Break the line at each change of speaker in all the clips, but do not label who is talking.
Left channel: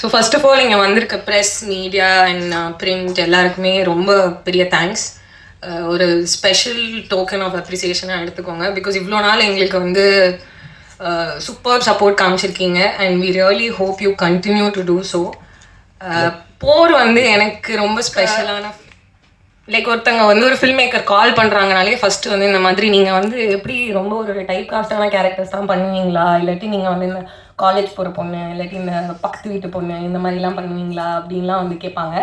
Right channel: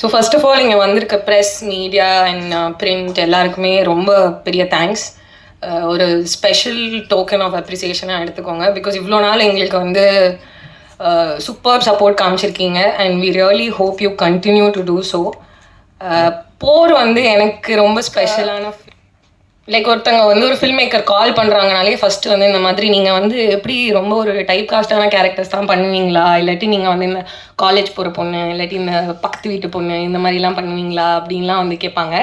So first of all இங்கே வந்திருக்க press media and print எல்லாருக்குமே ரொம்ப பெரிய தேங்க்ஸ் uh, ஒரு ஸ்பெஷல் டோக்கன் ஆஃப் அப்ரிசியேஷனாக எடுத்துக்கோங்க. பிகாஸ் இவ்வளோ நாள் எங்களுக்கு வந்து uh, super support காமிச்சிருக்கீங்க. And we really hope you continue to do so for வந்து எனக்கு ரொம்ப ஸ்பெஷலான லைக் ஒருத்தங்க வந்து ஒரு ஃபில்ம் மேக்கர் கால் பண்ணுறாங்கனாலே ஃபர்ஸ்ட் வந்து இந்த மாதிரி நீங்கள் வந்து எப்படி ரொம்ப ஒரு டைப் காஸ்டான கேரக்டர்ஸ் தான் பண்ணுவீங்களா? இல்லாட்டி நீங்கள் வந்து இந்த காலேஜ் போகிற பொண்ணு இல்லாட்டி இந்த பக்கத்து வீட்டு பொண்ணு இந்த மாதிரிலாம் பண்ணுவீங்களா? அப்படின்லாம் வந்து கேட்பாங்க.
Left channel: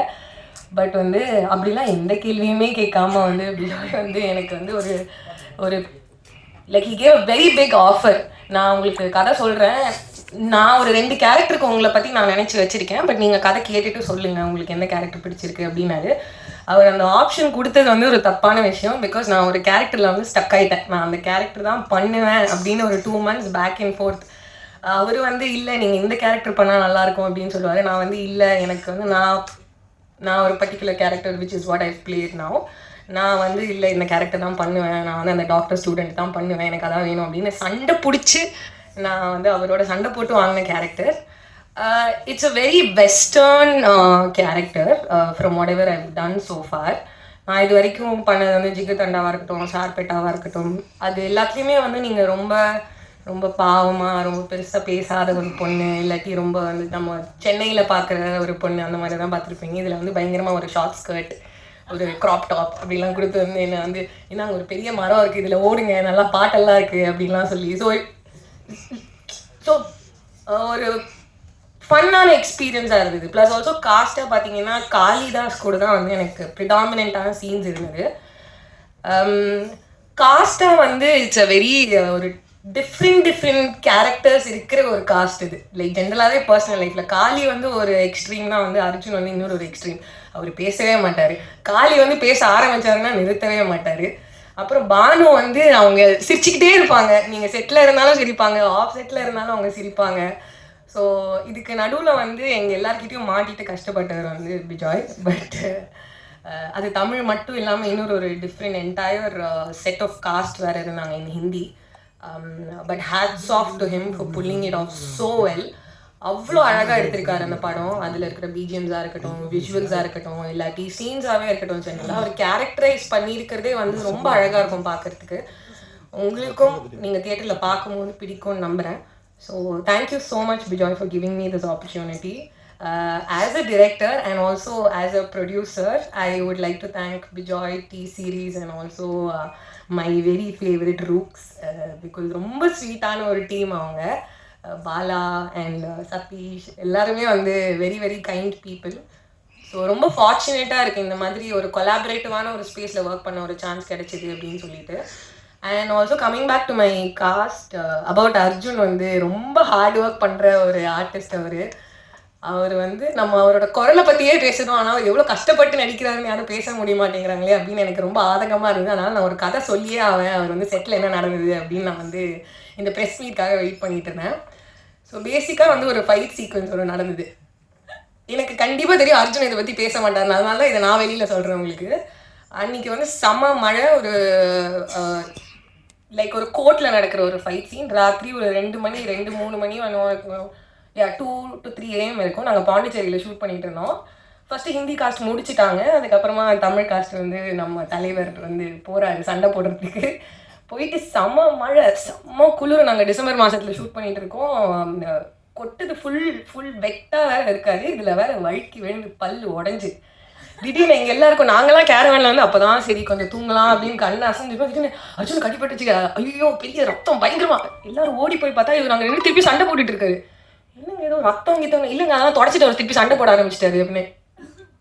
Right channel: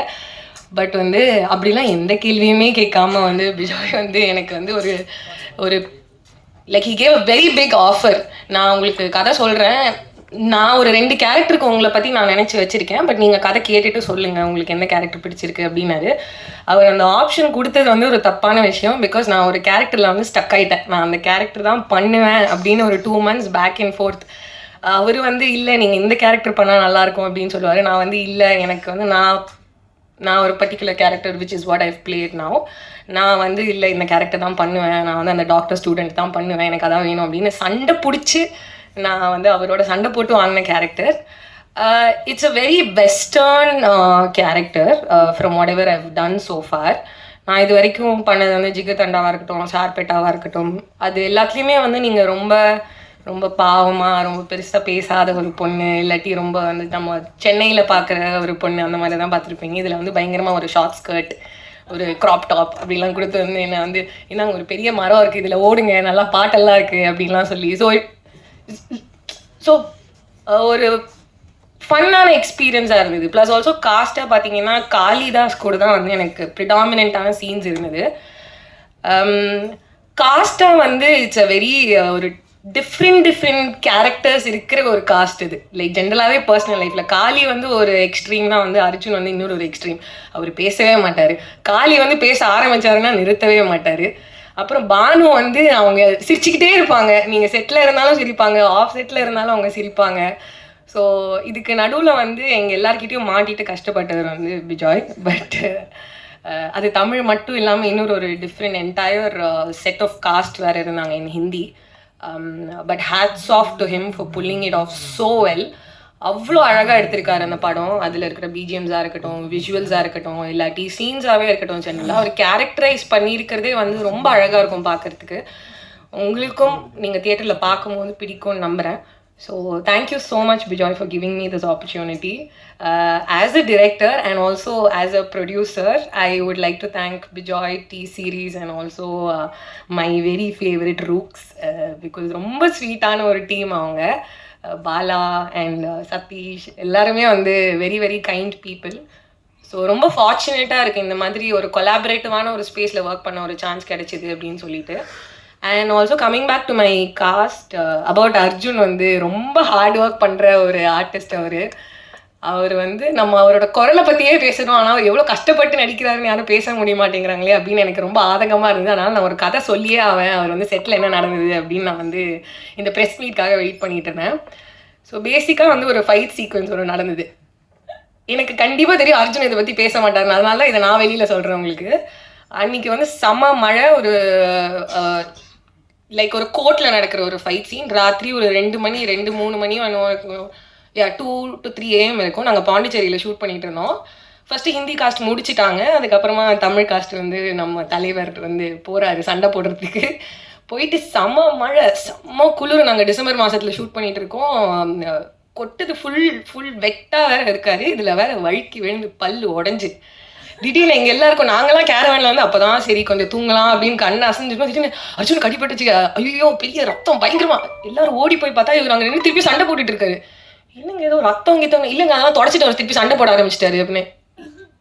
பட் வந்து அப்படிலாம் எந்த கேள்வியுமே கேட்காம வந்து பிஜாய் வந்து எனக்கு வந்து ஒரு ஒரு like he gave a very big offer நான் உங்களுக்கு கதை சொல்கிறேன் நான் ஒரு ரெண்டு கேரக்டருக்கு உங்களை பற்றி நான் நினச்சி வச்சுருக்கேன். பட் நீங்கள் கதை கேட்டுட்டு சொல்லுங்கள் உங்களுக்கு எந்த கேரக்டர் பிடிச்சிருக்கு அப்படின்னாரு. அவர் அந்த ஆப்ஷன் கொடுத்தது வந்து ஒரு தப்பான விஷயம். பிகாஸ் நான் ஒரு கேரக்டரில் வந்து ஸ்டக் ஆயிட்டேன். நான் அந்த கேரக்டர் தான் பண்ணுவேன் அப்படின்னு ஒரு two months back and forth அவர் வந்து இல்லை நீங்கள் இந்த கேரக்டர் பண்ணால் நல்லாயிருக்கும் அப்படின்னு சொல்லுவார். நான் வந்து இல்லை எனக்கு வந்து நான் நான் ஒரு particular character which is what I played now. நான் வந்து இல்லை இந்த கேரக்டர் தான் பண்ணுவேன். நான் வந்து அந்த டாக்டர் ஸ்டூடெண்ட் தான் பண்ணுவேன். எனக்கு அதான் வேணும் அப்படின்னு சண்டை பிடிச்சி நான் வந்து அவரோட சண்டை போட்டு வாங்கின character it's a very western character from whatever I've done so far நான் இது வரைக்கும் பண்ணது வந்து ஜிகதண்டாவாக இருக்கட்டும் ஷார்பெட்டாவாக இருக்கட்டும் அது எல்லாத்துலேயுமே வந்து நீங்கள் ரொம்ப ரொம்ப பாவமாக ரொம்ப பெருசாக பேசாத ஒரு பொண்ணு இல்லாட்டி ரொம்ப வந்து நம்ம சென்னையில் பார்க்குற ஒரு பொண்ணு அந்த மாதிரி தான் பார்த்துருப்பீங்க. இதில் வந்து பயங்கரமாக ஒரு ஷார்ட் ஸ்கர்ட் ஒரு க்ராப் டாப் அப்படிலாம் கொடுத்து வந்து என்னை வந்து என்ன ஒரு பெரிய மரம் இருக்குது இதில் ஓடுங்க நல்லா பாட்டெல்லாம் இருக்குது அப்படின்லாம் சொல்லி. ஸோ ஸோ ஒரு ஃபன்னான எக்ஸ்பீரியன்ஸாக இருந்தது. ப்ளஸ் ஆல்சோ காஸ்ட்டாக பார்த்தீங்கன்னா காளிதாஸ் கூட தான் வந்து எனக்கு ப்ரிடாமினான சீன்ஸ் இருந்தது. Um, காஸ்ட்டாக வந்து இட்ஸ் அ வெரி ஒரு டிஃப்ரெண்ட் டிஃப்ரெண்ட் கேரக்டர்ஸ் இருக்கிற ஒரு காஸ்ட் இது. லைக் ஜென்ரலாகவே பர்சனல் லைஃப்பில் காளி வந்து ஒரு எக்ஸ்ட்ரீம் தான். வந்து அர்ஜுன் வந்து இன்னொரு ஒரு எக்ஸ்ட்ரீம் அவர் பேசவே மாட்டார். காளி வந்து பேச ஆரம்பித்தாருன்னா நிறுத்தவே மாட்டார். அப்புறம் பானு வந்து அவங்க சிரிச்சுக்கிட்டே இருப்பாங்க. நீங்கள் செட்டில் இருந்தாலும் சிரிப்பாங்க ஆஃப் செட்டில் இருந்தாலும் அவங்க சிரிப்பாங்க. ஸோ இதுக்கு நடுவில் வந்து எங்கள் எல்லாருக்கிட்டையும் மாட்டிட்டு கஷ்டப்பட்டவர் வந்து பிஜாய். பட் அது தமிழ் மட்டும் இல்லாமல் இன்னொரு ஒரு different entire set of cast வேறு இருந்தாங்க in Hindi. But hats off to him for pulling it off so well அவ்வளோ அழகாக எடுத்திருக்காரு அந்த படம். அதில் இருக்கிற பிஜிஎம்ஸாக இருக்கட்டும் விஷுவல்ஸாக இருக்கட்டும் இல்லாட்டி சீன்ஸாகவே இருக்கட்டும் ஜென்ரலாக அவர் கேரக்டரைஸ் பண்ணியிருக்கிறதே வந்து ரொம்ப அழகாக இருக்கும் பார்க்குறதுக்கு உங்களுக்கும் நீங்கள் தியேட்டரில் பார்க்கும்போது பிடிக்கும்னு நம்புகிறேன் so thank you so much Bejoy for giving me this opportunity as a director and also as a producer I would like to thank Bejoy T Series and also my very favourite Rooks because ரொம்ப ஸ்வீட்டான ஒரு team அவங்க. Bala and Sathish எல்லாருமே வந்து very very kind people so ரொம்ப ஃபார்ச்சுனேட்டாக இருக்குது இந்த மாதிரி ஒரு கொலாபரேட்டிவான ஒரு ஸ்பேஸில் ஒர்க் பண்ண ஒரு சான்ஸ் கிடைச்சிது அப்படின்னு சொல்லிட்டு. And also coming back to my cast about Arjun வந்து ரொம்ப ஹார்ட் ஒர்க் பண்ணுற ஒரு ஆர்டிஸ்ட் அவர். அவர் வந்து நம்ம அவரோட குரலை பற்றியே பேசணும் ஆனால் அவர் எவ்வளோ கஷ்டப்பட்டு நடிக்கிறாருன்னு யாரும் பேச முடிய மாட்டேங்கிறாங்களே அப்படின்னு எனக்கு ரொம்ப ஆதங்கமாக இருந்தது. அதனால் நான் ஒரு கதை சொல்லியே அவன் அவர் வந்து செட்டில் என்ன நடந்தது அப்படின்னு நான் வந்து இந்த ப்ரெஸ் மீட்காக வெயிட் பண்ணிட்டு இருந்தேன். ஸோ பேசிக்காக வந்து ஒரு ஃபைட் சீக்வன்ஸ் ஒன்று நடந்தது. எனக்கு கண்டிப்பாக தெரியும் அர்ஜுன் இதை பற்றி பேச மாட்டாங்க அதனால தான் இதை நான் வெளியில் சொல்கிறேன் உங்களுக்கு. அன்றைக்கி வந்து செம மழை ஒரு லைக் ஒரு கோர்ட்டில் நடக்கிற ஒரு ஃபைட் சீன் ராத்திரி ஒரு ரெண்டு மணி ரெண்டு மூணு மணியும் இருக்கும். Yeah two to three AM இருக்கும் நாங்கள் பாண்டிச்சேரியில் ஷூட் பண்ணிட்டு இருந்தோம். ஃபஸ்ட்டு ஹிந்தி காஸ்ட் முடிச்சிட்டாங்க. அதுக்கப்புறமா தமிழ் காஸ்ட் வந்து நம்ம தலைவர் வந்து போகிறாரு சண்டை போடுறதுக்கு. போயிட்டு செம்ம மழை செம்ம குளிர். நாங்கள் டிசம்பர் மாதத்தில் ஷூட் பண்ணிட்டு இருக்கோம். கொட்டது ஃபுல் ஃபுல் வெட்டாக வேற இருக்காது. இதில் வேற வழுக்கி விழுந்து பல்லு உடஞ்சி. திடீர்னு எங்கள் எல்லாருக்கும் நாங்களாம் கேரவனில் வந்து அப்போ தான் சரி கொஞ்சம் தூங்கலாம் அப்படின்னு கண்ணை அசைஞ்சிருக்கோம் திடீர்னு அர்ஜுன் கடிப்பட்டுச்சு ஐயோ பெரிய ரத்தம் பயங்கரமா. எல்லாரும் ஓடி போய் பார்த்தா இவர் அங்கே நின்று திருப்பி சண்டை போட்டுட்டு இருக்காரு. இல்லைங்க ஏதோ ரத்தம் கித்தவங்க இல்லைங்க அதெல்லாம் தொடச்சிட்டு அவர் திருப்பி சண்டை போட ஆரம்பிச்சிட்டாரு அப்படின்னு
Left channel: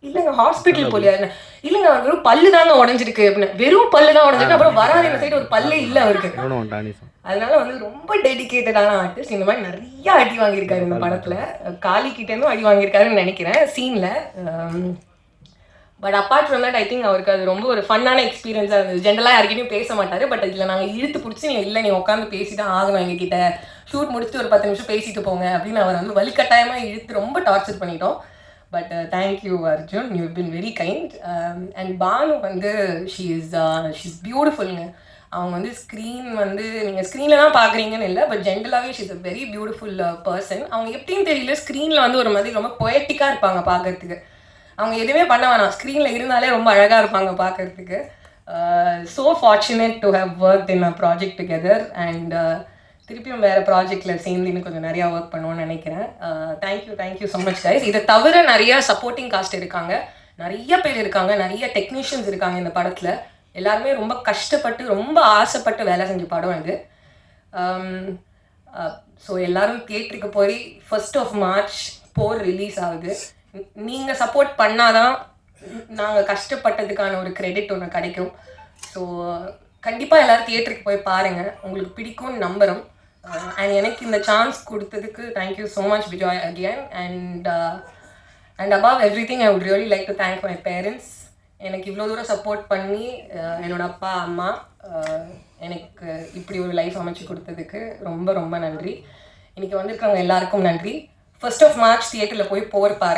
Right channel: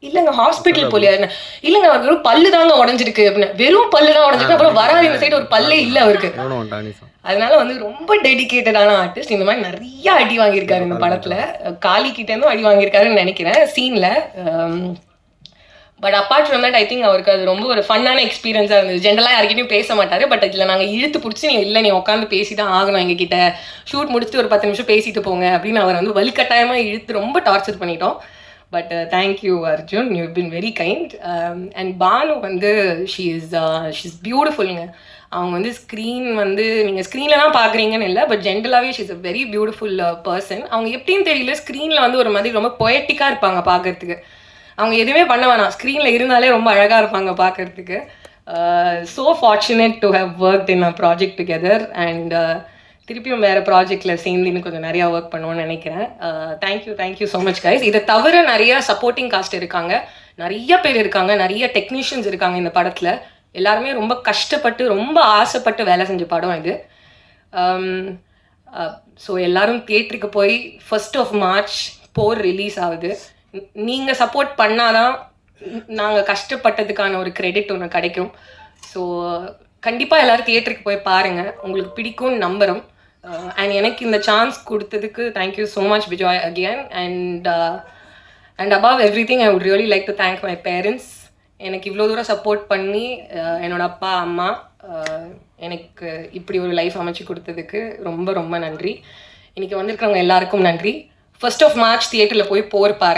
இல்லைங்க ஹாஸ்பிட்டல் போலியா இல்லைங்க அவர் வெறும் பல்லு தாங்க உடஞ்சிருக்கு அப்படின்னு வெறும் பல்லு தான் உடஞ்சிருக்கு. அப்புறம் வராது இந்த சைடு ஒரு பல்லே இல்லை அவருக்கு. அதனால வந்து ரொம்ப டெடிக்கேட்டடான ஆர்டிஸ்ட் இந்த மாதிரி நிறைய அடி வாங்கியிருக்காரு இந்த படத்துல. காலி கிட்ட இருந்தும் அடி வாங்கியிருக்காருன்னு நினைக்கிறேன். சீன்ல but apart from that I think அவருக்கு அது ரொம்ப ஒரு ஃபன்னான எக்ஸ்பீரியன்ஸாக இருந்தது. ஜென்ரலாக யாருக்கிட்டையும் பேச மாட்டார் பட் இதில் நாங்கள் இழுத்து பிடிச்சி நீ இல்லை நீ உட்காந்து பேசி தான் ஆகணும் எங்ககிட்ட. ஷூட் முடிச்சுட்டு ஒரு பத்து நிமிஷம் பேசிட்டு போங்க. அப்படின்னு அவர் வந்து வலுக்கட்டாயமாக இழுத்து ரொம்ப டார்ச்சர் பண்ணிட்டோம். But thank you Arjun you been very kind and Bhanu வந்து ஷீ இஸ் ஷீ இஸ் பியூட்டிஃபுல்லுங்க அவங்க வந்து ஸ்க்ரீன் வந்து நீங்கள் ஸ்க்ரீனில் தான் பார்க்குறீங்கன்னு இல்லை பட் ஜென்ரலாகவே she's a very beautiful person அவங்க எப்படின்னு தெரியல ஸ்க்ரீனில் வந்து ஒரு மாதிரி ரொம்ப பொயட்டிக்காக இருப்பாங்க பார்க்கறதுக்கு அவங்க எதுவுமே பண்ண வேணாம். ஸ்க்ரீனில் இருந்தாலே ரொம்ப அழகாக இருப்பாங்க பார்க்கறதுக்கு so fortunate to have work in a project together and திருப்பியும் வேறு ப்ராஜெக்டில் சேர்ந்து இன்னும் கொஞ்சம் நிறையா ஒர்க் பண்ணுவோம்னு நினைக்கிறேன். Thank you thank you so much guys இதை தவிர நிறைய சப்போர்ட்டிங் காஸ்ட் இருக்காங்க. நிறைய பேர் இருக்காங்க. நிறைய டெக்னீஷியன்ஸ் இருக்காங்க இந்த படத்தில். எல்லாருமே ரொம்ப கஷ்டப்பட்டு ரொம்ப ஆசைப்பட்டு வேலை செஞ்ச படம் இது. Um, uh, ஸோ எல்லாரும் தியேட்டருக்கு போய் first of March for release ஆகுது. நீங்கள் சப்போர்ட் பண்ணாதான் நாங்கள் கஷ்டப்பட்டதுக்கான ஒரு கிரெடிட் ஒன்று கிடைக்கும். ஸோ கண்டிப்பாக எல்லாரும் தியேட்டருக்கு போய் பாருங்கள் உங்களுக்கு பிடிக்கும்னு நம்புகிறோம் அண்ட் uh, எனக்கு இந்த சான்ஸ் கொடுத்ததுக்கு thank you so much Vijay again and and above everything I would really like to thank my parents எனக்கு இவ்வளோ தூரம் சப்போர்ட் பண்ணி uh, என்னோட அப்பா அம்மா uh, எனக்கு இப்படி ஒரு லைஃப் அமைச்சு கொடுத்ததுக்கு ரொம்ப ரொம்ப நன்றி. இன்னைக்கு வந்திருக்கிறவங்க எல்லாருக்கும் நன்றி. ஃபர்ஸ்ட் ஆஃப் மார்ச் தியேட்டரில் போய் போர் பாருங்க.